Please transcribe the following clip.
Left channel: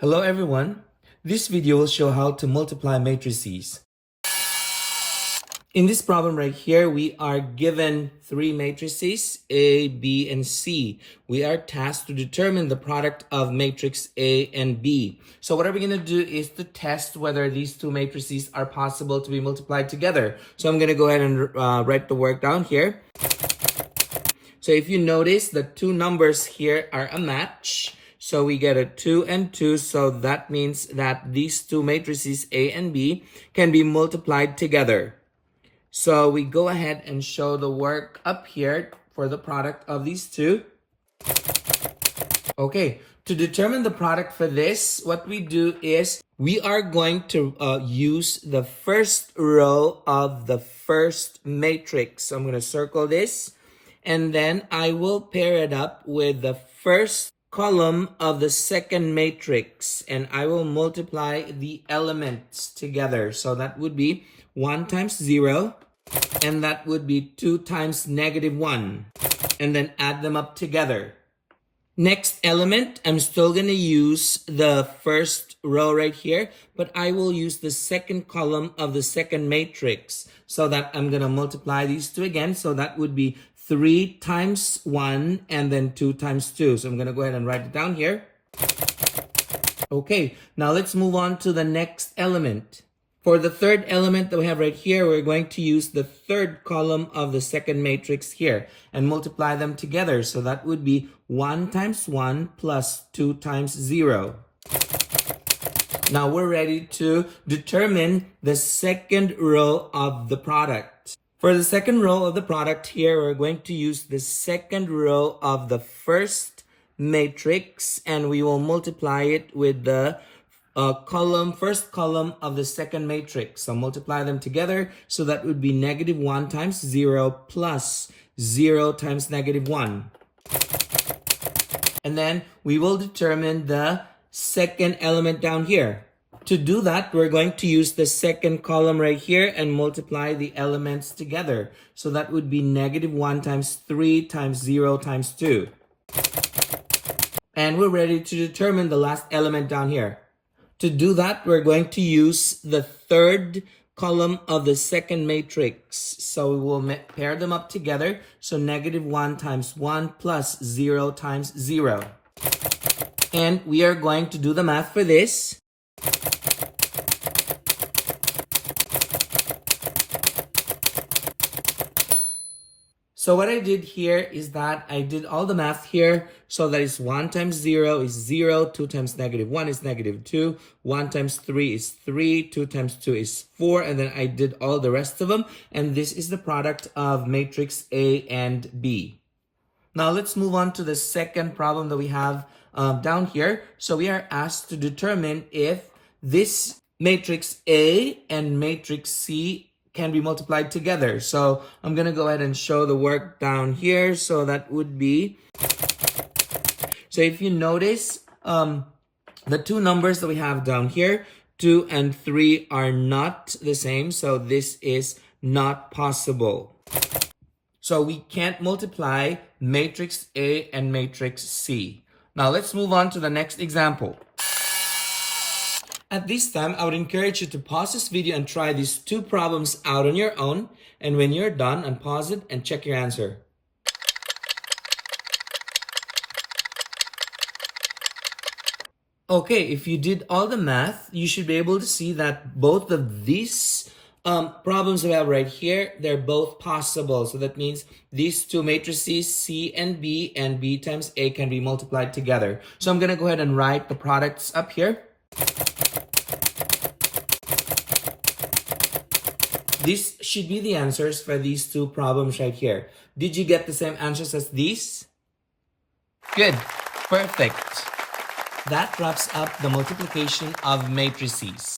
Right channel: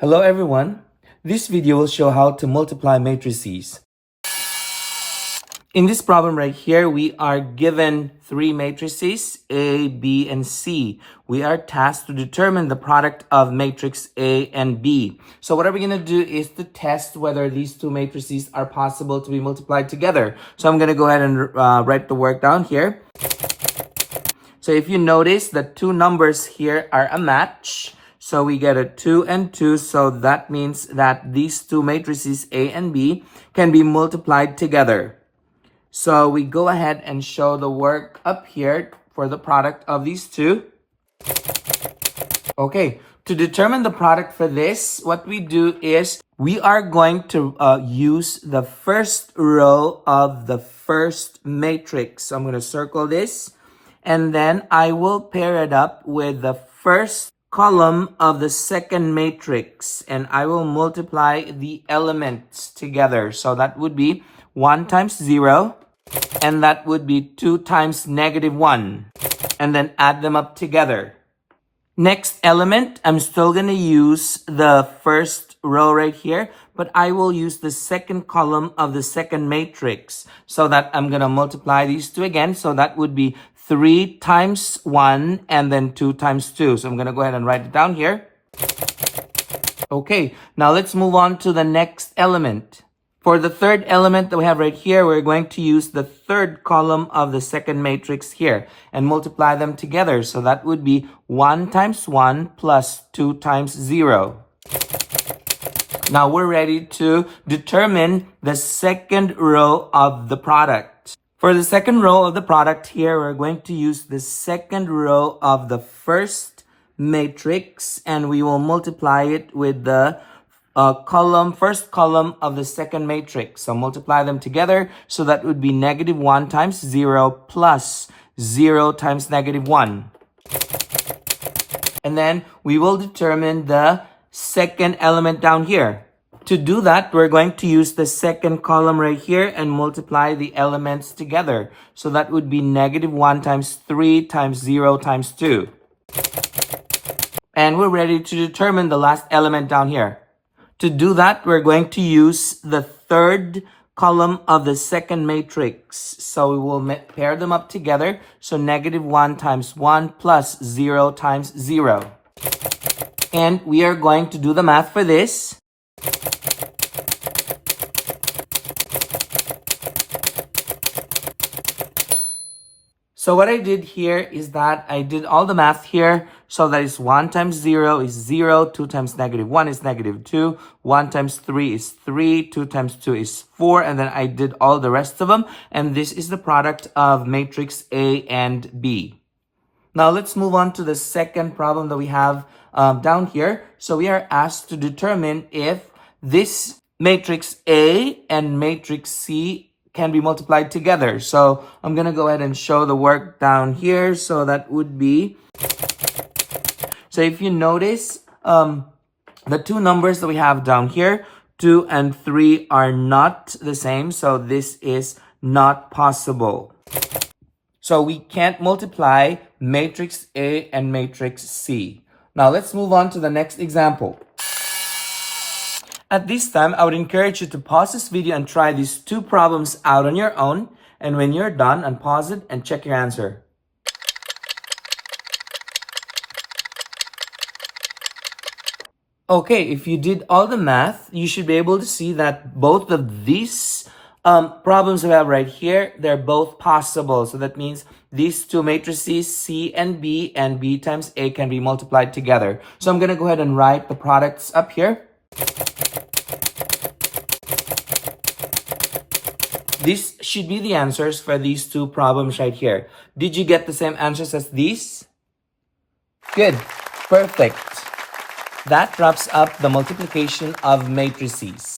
Hello everyone. This video will show how to multiply matrices. In this problem right here, we are given three matrices, A, B, and C. We are tasked to determine the product of matrix A and B. So what are we going to do is to test whether these two matrices are possible to be multiplied together. So I'm going to go ahead and write the work down here. So if you notice, the two numbers here are a match. So we get a 2 and 2, so that means that these two matrices A and B can be multiplied together. So we go ahead and show the work up here for the product of these two. Okay, to determine the product for this, what we do is we are going to use the first row of the first matrix. So I'm going to circle this, and then I will pair it up with the first column of the second matrix, and I will multiply the elements together. So that would be 1 times 0, and that would be 2 times -1, and then add them up together. Next element, I'm still going to use the first row right here, but I will use the second column of the second matrix, so that I'm going to multiply these two again. So that would be 3 times 1 and then 2 times 2. So I'm going to go ahead and write it down here. Okay, now let's move on to the next element. For the third element that we have right here, we're going to use the third column of the second matrix here and multiply them together. So that would be 1 times 1 plus 2 times 0. Now we're ready to determine the second row of the product. For the second row of the product here, we're going to use the second row of the first matrix, and we will multiply it with the first column of the second matrix. So multiply them together. So that would be -1 times 0 plus 0 times -1. And then we will determine the second element down here. To do that, we're going to use the second column right here and multiply the elements together. So that would be -1 times 3 times 0 times 2. And we're ready to determine the last element down here. To do that, we're going to use the third column of the second matrix. So we will pair them up together. So -1 times 1 plus 0 times 0. And we are going to do the math for this. So what I did here is that I did all the math here. So that is 1 times 0 is 0, 2 times -1 is -2, 1 times 3 is 3, 2 times 2 is 4, and then I did all the rest of them. And this is the product of matrix A and B. Now let's move on to the second problem that we have down here. So we are asked to determine if this matrix A and matrix C can be multiplied together. So I'm going to go ahead and show the work down here. So that would be, so if you notice, the two numbers that we have down here, 2 and 3, are not the same. So this is not possible. So we can't multiply matrix A and matrix C. Now let's move on to the next example. At this time, I would encourage you to pause this video and try these two problems out on your own. And when you're done, unpause it and check your answer. Okay, if you did all the math, you should be able to see that both of these problems we have right here, they're both possible. So that means these two matrices, C and B times A, can be multiplied together. So I'm going to go ahead and write the products up here. These should be the answers for these two problems right here. Did you get the same answers as these? Good. Perfect. That wraps up the multiplication of matrices.